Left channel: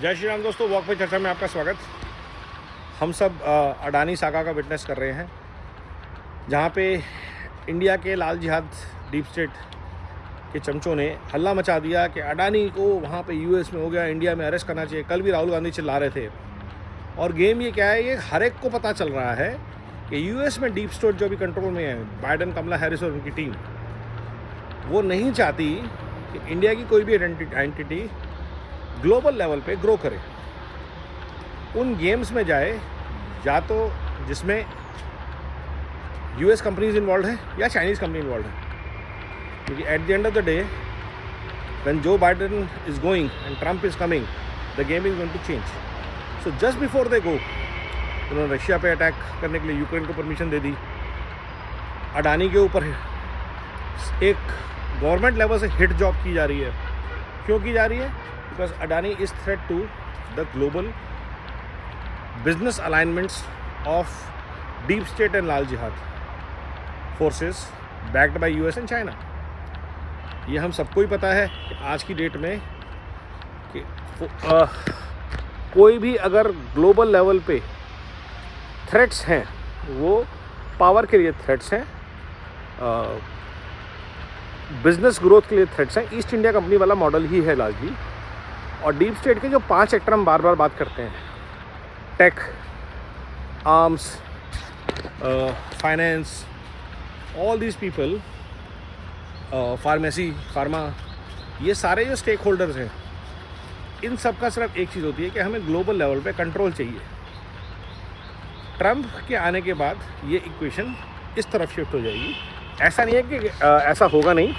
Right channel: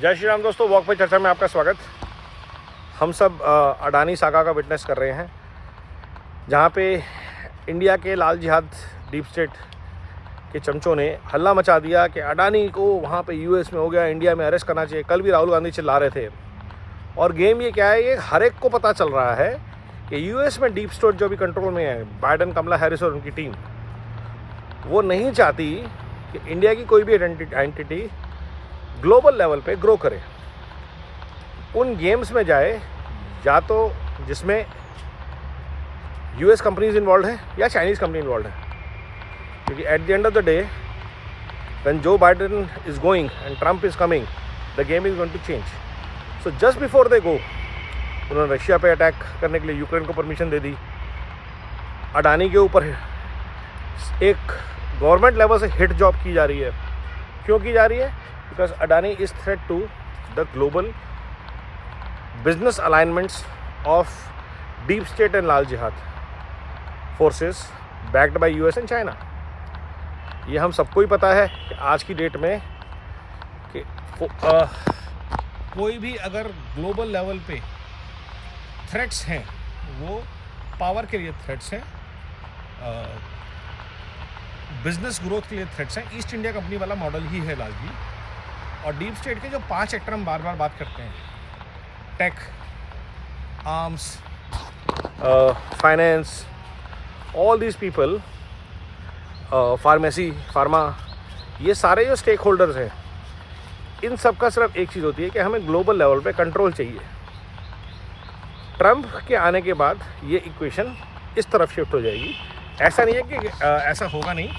जय श्री राम दोस्तों, वॉक पे चर्चा में आपका स्वागत। हम सब अडानी सागा का विटनेस कर रहे हैं, जहां पे इंडिया के लाल जिहाद डीप स्टेट के चमचों ने हल्ला मचा दिया कि अडानी को वहां पे यूएस में हो गया, इंडिया में अरेस्ट करना चाहिए। कल भी राहुल गांधी चिल्ला रहे थे। और गेम ये क्या है, ये हर एक को पता चल रहा है कि यूएस में डीप स्टेट जो भी कंट्रोल में है, बाइडन, कमला हैरिस और उनकी टीम, वो नहीं चाहती कि इंडिया की कोई भी एंटिटी ग्लोबल लेवल पे ग्रो करे, उन गेम्स में जाए, या तो जिसमें यूएस कंपनीज इन्वॉल्व है या चाइनीज कंपनी इन्वॉल्व है। क्योंकि at the end of the day when Joe Biden is going and Trump is coming, the game is going to change. So just before they go, उन्होंने Russia पे attack करने के लिए Ukraine को permission दे दी। अडानी के ऊपर एक गवर्नमेंट लेवल से हिट जॉब की जा रही है। क्यों की जा रही है? Because Adani is threat to the global business alignments of deep state and Lal Jihad forces backed by US and China. ये हम सबको ही पता है कि आज की डेट में कि कोई भी अगर ग्लोबल लेवल पे थ्रेट्स हैं, वो पावर के लिए थ्रेट्स हैं, बिजनेस ग्रोथ के लिए थ्रेट्स हैं। ईस्ट इंडिया कंपनी वाला मॉडल ही है लार्जली। और डीप स्टेट के जो 5 सेक्टर हम बार बार बात करते हैं, tech, arms, finance, all these people, pharmacy, pharma, ये सारे जो स्टेक होल्डर्स हैं, इन सब का सिर्फ एक चीज़ होती है कि हमें ग्लोबल लेवल पे कंट्रोल चाहिए। ट्रम्प के आने के बाद ये इक्वेशन इस तरफ शिफ्ट हो जाएगी। ऐसा नहीं है कि ऐसा होगा नहीं,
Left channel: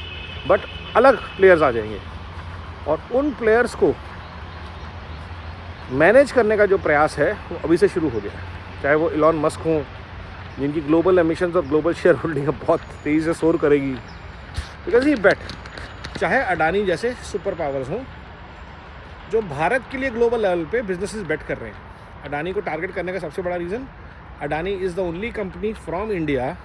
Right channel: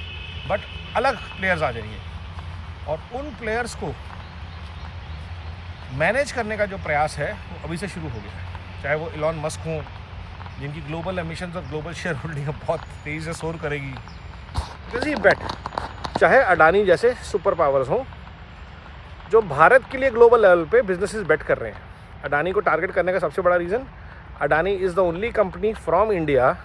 बट अलग प्लेयर्स आ जाएंगे और उन प्लेयर्स को मैनेज करने का जो प्रयास है वो अभी से शुरू हो गया। चाहे वो इलॉन मस्क हों, जिनकी ग्लोबल एमिशंस और ग्लोबल शेयर होल्डिंग बहुत तेज़ी से सोर करेगी, बिकॉज ये बेट, चाहे अडानी जैसे सुपर पावर्स हों जो भारत के लिए ग्लोबल लेवल पे बिजनेसेस बेट कर रहे हैं। अडानी को टारगेट करने का सबसे बड़ा reason, Adani is the only company from India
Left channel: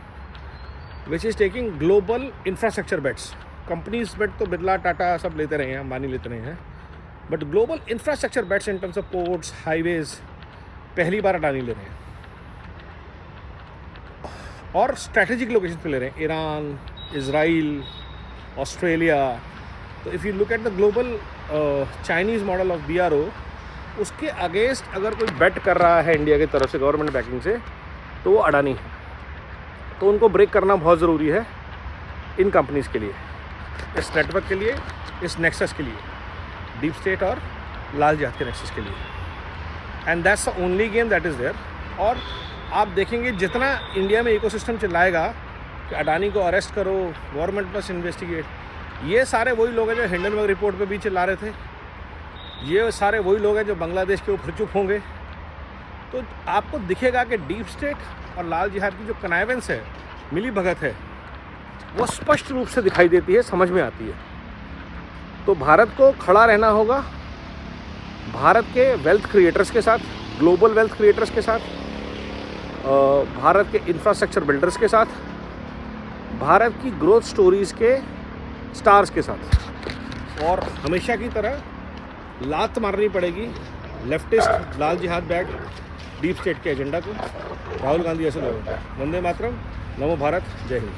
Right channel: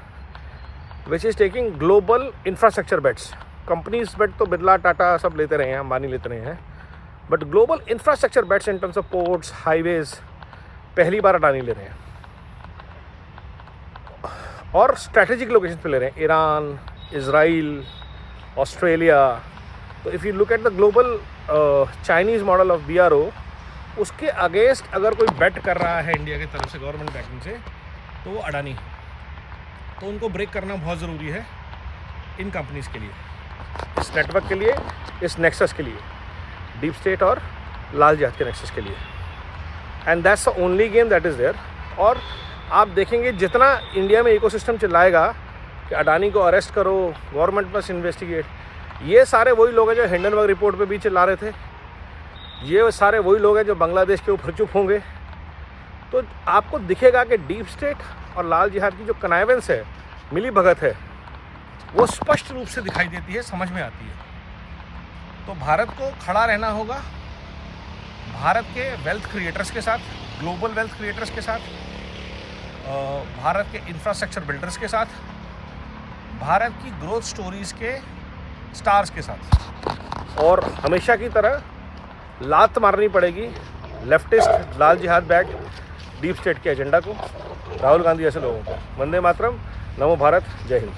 which is taking global infrastructure bets. Companies bet तो बिरला, टाटा सब लेते रहे हैं, अंबानी लेते रहे हैं, but global infrastructure bets in terms of ports, highways, पहली बार अडानी ले रहे हैं। और स्ट्रैटेजिक लोकेशन पे ले रहे हैं, ईरान, इजराइल, ऑस्ट्रेलिया। तो if you look at the global Chinese model of BRO, उसके अगेंस्ट अगर कोई बेट कर रहा है इंडिया की तरफ से गवर्नमेंट बैकिंग से, तो वो अडानी है। तो उनको ब्रेक करना बहुत ज़रूरी है इन कंपनीज के लिए, इस नेटवर्क के लिए, इस नेक्सस के लिए, डीप स्टेट और लाल जिहाद के नेक्सस के लिए। And that's the only game that is there. और आप देखेंगे जितना इंडिया में इकोसिस्टम चलाएगा कि अडानी को अरेस्ट करो, गवर्नमेंट मस्ट इन्वेस्टिगेट, ये सारे वही लोग हैं जो हिंडनबर्ग रिपोर्ट पे भी चिल्ला रहे थे। ये सारे वही लोग हैं जो बांग्लादेश के ऊपर चुप होंगे। तो आपको दिखेगा कि डीप स्टेट और लाल जिहाद की जो कनाइवेंस है, मिली भगत है, वो स्पष्ट रूप से दिखाई देती है, समझ में आती है। तो भारत को खड़ा रहना होगा भारत के वेल्थ क्रिएटर्स के साथ, ग्लोबल वेल्थ क्रिएटर्स के साथ, भारत के इंफ्रास्ट्रक्चर बिल्डर्स के साथ, भारत की ग्रोथ स्टोरीज के स्टार्स के साथ। और हमेशा की तरह लात मारनी पड़ेगी लेफ्टिस्ट, लाल जिहाद बैक, डीप स्टेट के एजेंडा को, राहुल गांधी ऐसे लोगों को। वंदे मातरम, नमो भारत, जय हिंद।